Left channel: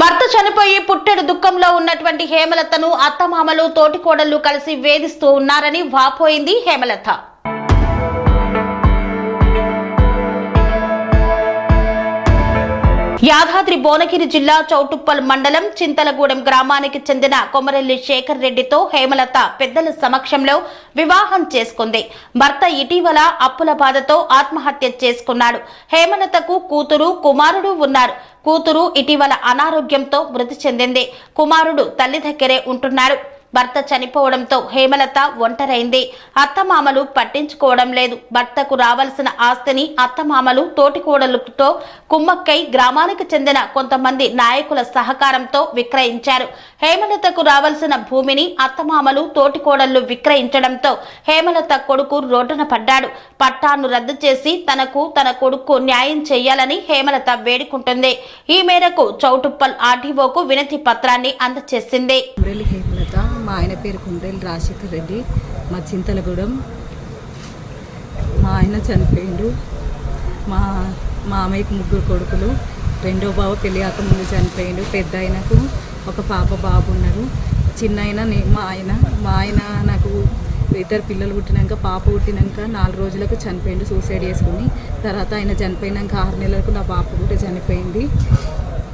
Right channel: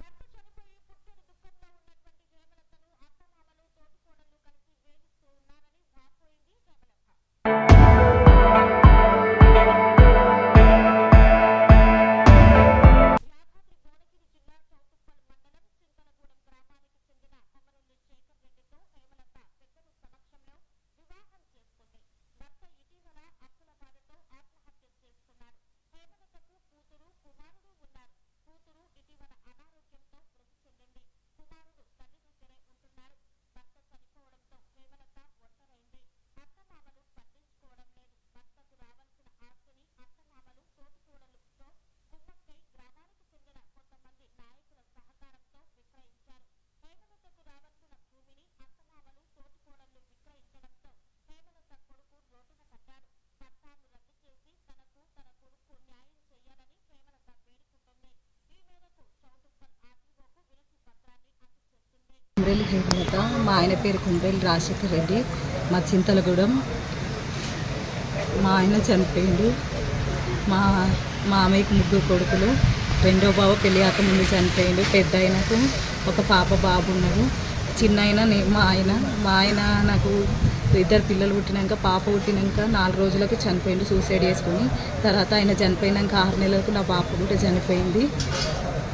భర్త చనిపోయి పుట్టెడు దుఃఖంలో ఉన్నటువంటి హేమలతను అత్తమామలు తోటికోడళ్ళు కలిసి వేధిస్తూ ఉన్నారని వాపోయింది హేమలత. యాదాద్రి భువనగిరి జిల్లా చౌటుప్పల్ మండలం చింతలగూడెం గ్రామానికి చెందిన కొమరెల్లి శేఖర్ రెడ్డితో హేమలత పెద్దల సమక్షంలో వివాహం చేసుకుంది. భర్త ఇటీవల అప్పుల బాధతో ఆత్మహత్య చేసుకున్నాడు. హేమలతకు కూతురు కుమారుడు ఉన్నారు. కూతురు ఇటీవల అనారోగ్యంతో మృతి చెందింది. కుమారుడు తల్లి దగ్గరే ఉంటున్నారు భర్త చనిపోవడంతో హేమలత ఒంటరైంది. అత్తమామలు పట్టించుకోవడం లేదు. భర్తకు రావాల్సిన ఆస్తిని అత్తమామలు తోటికోడలతో కుమ్మక్కై గ్రామానికి చెందిన కొంతమంది నాయకుల సహకారంతో విక్రయించారు. హేమలతకు రావాల్సిన భూమిని అత్తమామలు తోటికోడళ్ళు విక్రయించడంతో హేమలత కొడుకు రోడ్డున పడ్డాడు. పట్టాను రద్దు చేసి తనకు తన కొడుకు న్యాయం చేయాలని హేమలత వేడుకుంటుంది. ఈ మేరకు చౌటుప్పల్ ఆర్డీఓకు వినతి పత్రాన్ని అందజేసింది మా ఆయన పేరు కుండ్రేలు రాజశేఖర్ రెడ్డి మా చింతలగూడెం. మా ఆయన చనిపోయిండు. మా మా అమ్మయ్యకు ముగ్గురు కొడుకులు. రెండో బావ పెళ్ళి ముందు చనిపోయిండు. పెద్ద ఆయనకు ఒక పాప బాబు ఉన్నాడు. చిన్న ఆయన మా ఆయన మా ఆయన నాకు ఇద్దరు పిల్లలు పుట్టినాక పాప పుట్టినాక నాలుగు రోజులకు చనిపోయిండు సూసైడ్ చేసుకొని. తర్వాత ఆయన చనిపోయినాక ఆరు నెలలకు నా పాప కూడా చనిపోయింది.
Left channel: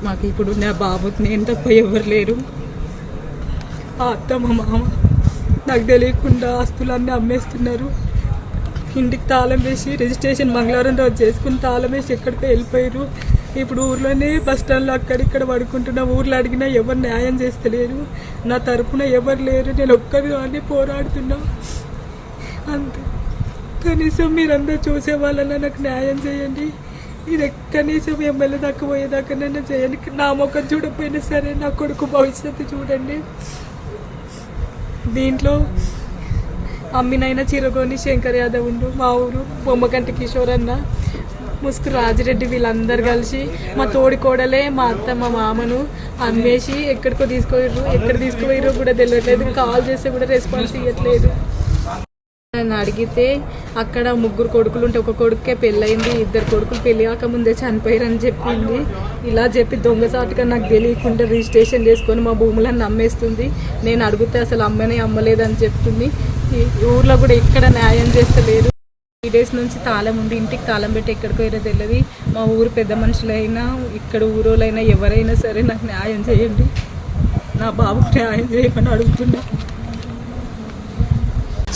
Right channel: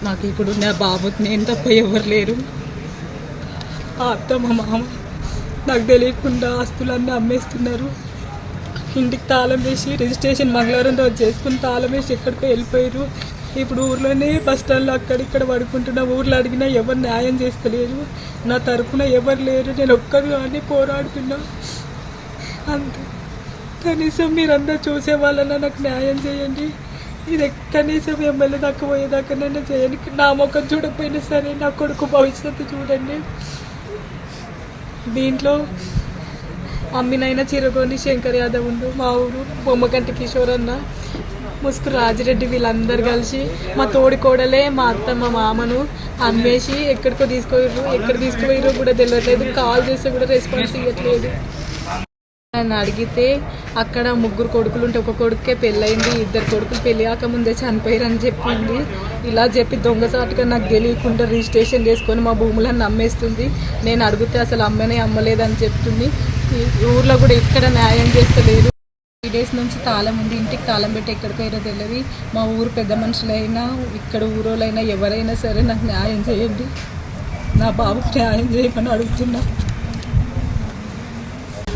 మాకు ఇప్పుడు నా బాబు నేను తప్ప ఎవరు లేరు. ఆ అత్త మా మామ నాకు తెలియకుండా ఆస్తులన్నీ అమ్మేస్తున్నారు. ఇంటికి తాళం వేసి రిజిస్ట్రేషన్ మంగళవారం రోజు చేసుకుని తాళం వేసి ఎక్కడికో వెళ్ళిపోయారు. ఇప్పుడు ఊర్లోనే బస్ స్టాండ్లో అక్కడిక్కడ పడుకుంటున్నా ఊర్లో అడిగినా ఎవరు న్యాయం చేస్తలేరు. నా తరపున ఎవరు లేరు. నేను ఒక్కరిగానే పోరాడుతున్నా. అంతే. కనీసం మీరందరూ చూసే వాళ్ళన్నా నాకు న్యాయం చేయండి. ఇది కనీసం ఎమ్మెల్యే దాకా పోయేదాకా నన్ను చేయండి నా ముఖం చూడకపోయినా సరే నా కొడుకు భవిష్యత్తు చూడండి. దీంట్లో అమ్మినైన చిరగోని శంకర్ యాదవ్ ఉండు మా ఊరు బొమ్మకంటి కిషోర్ అన్న ముసుగు రాజిరెడ్డి వీళ్ళందరూ కలిసి మా తోడి కోడలే మా అత్త మా మామను అమ్మేసి ఎక్కడికో తీసుకుపోయారు ఎక్కడ తీసుకుపోయారో కూడా తెలియట్లేదు కాల్ చేస్తే కూడా రెస్పాన్స్ ఇవ్వట్లేదు నన్ను అడిగితే అక్కడ ముగ్గురు కొడుకులు ఉంటే ఒక కొడుకే పెళ్ళయింది ఇద్దరు కొడుకులు పెళ్ళి కాకముందే చనిపోయారని చెప్పింది. ఇలా చెప్పి దొంగసాటుగా నాకు తెలియకుండా రిజిస్ట్రేషన్ చేసుకొని మా భూములను నమ్మేస్తుంది. నేను అడిగితే అసలు అమ్మనే అమ్మలేదని చెప్తుంది. ఊర్లో కూడా ఎక్కడ న్యాయం చేస్తలేదు త్రీ డేస్ నుంచి తాళం ఉంది. ఇంటికి తాళం పెట్టి ఎక్కడికి పోయినా తెలియదు మా ఊరు పెద్ద మనుషులైనా ఇక్కడ ఊరోళ్ళైనా ఎవరైనా సరే నాకు న్యాయం చేయండి. నా బాబుకు న్యాయం చేయమని అడుగుతున్నా.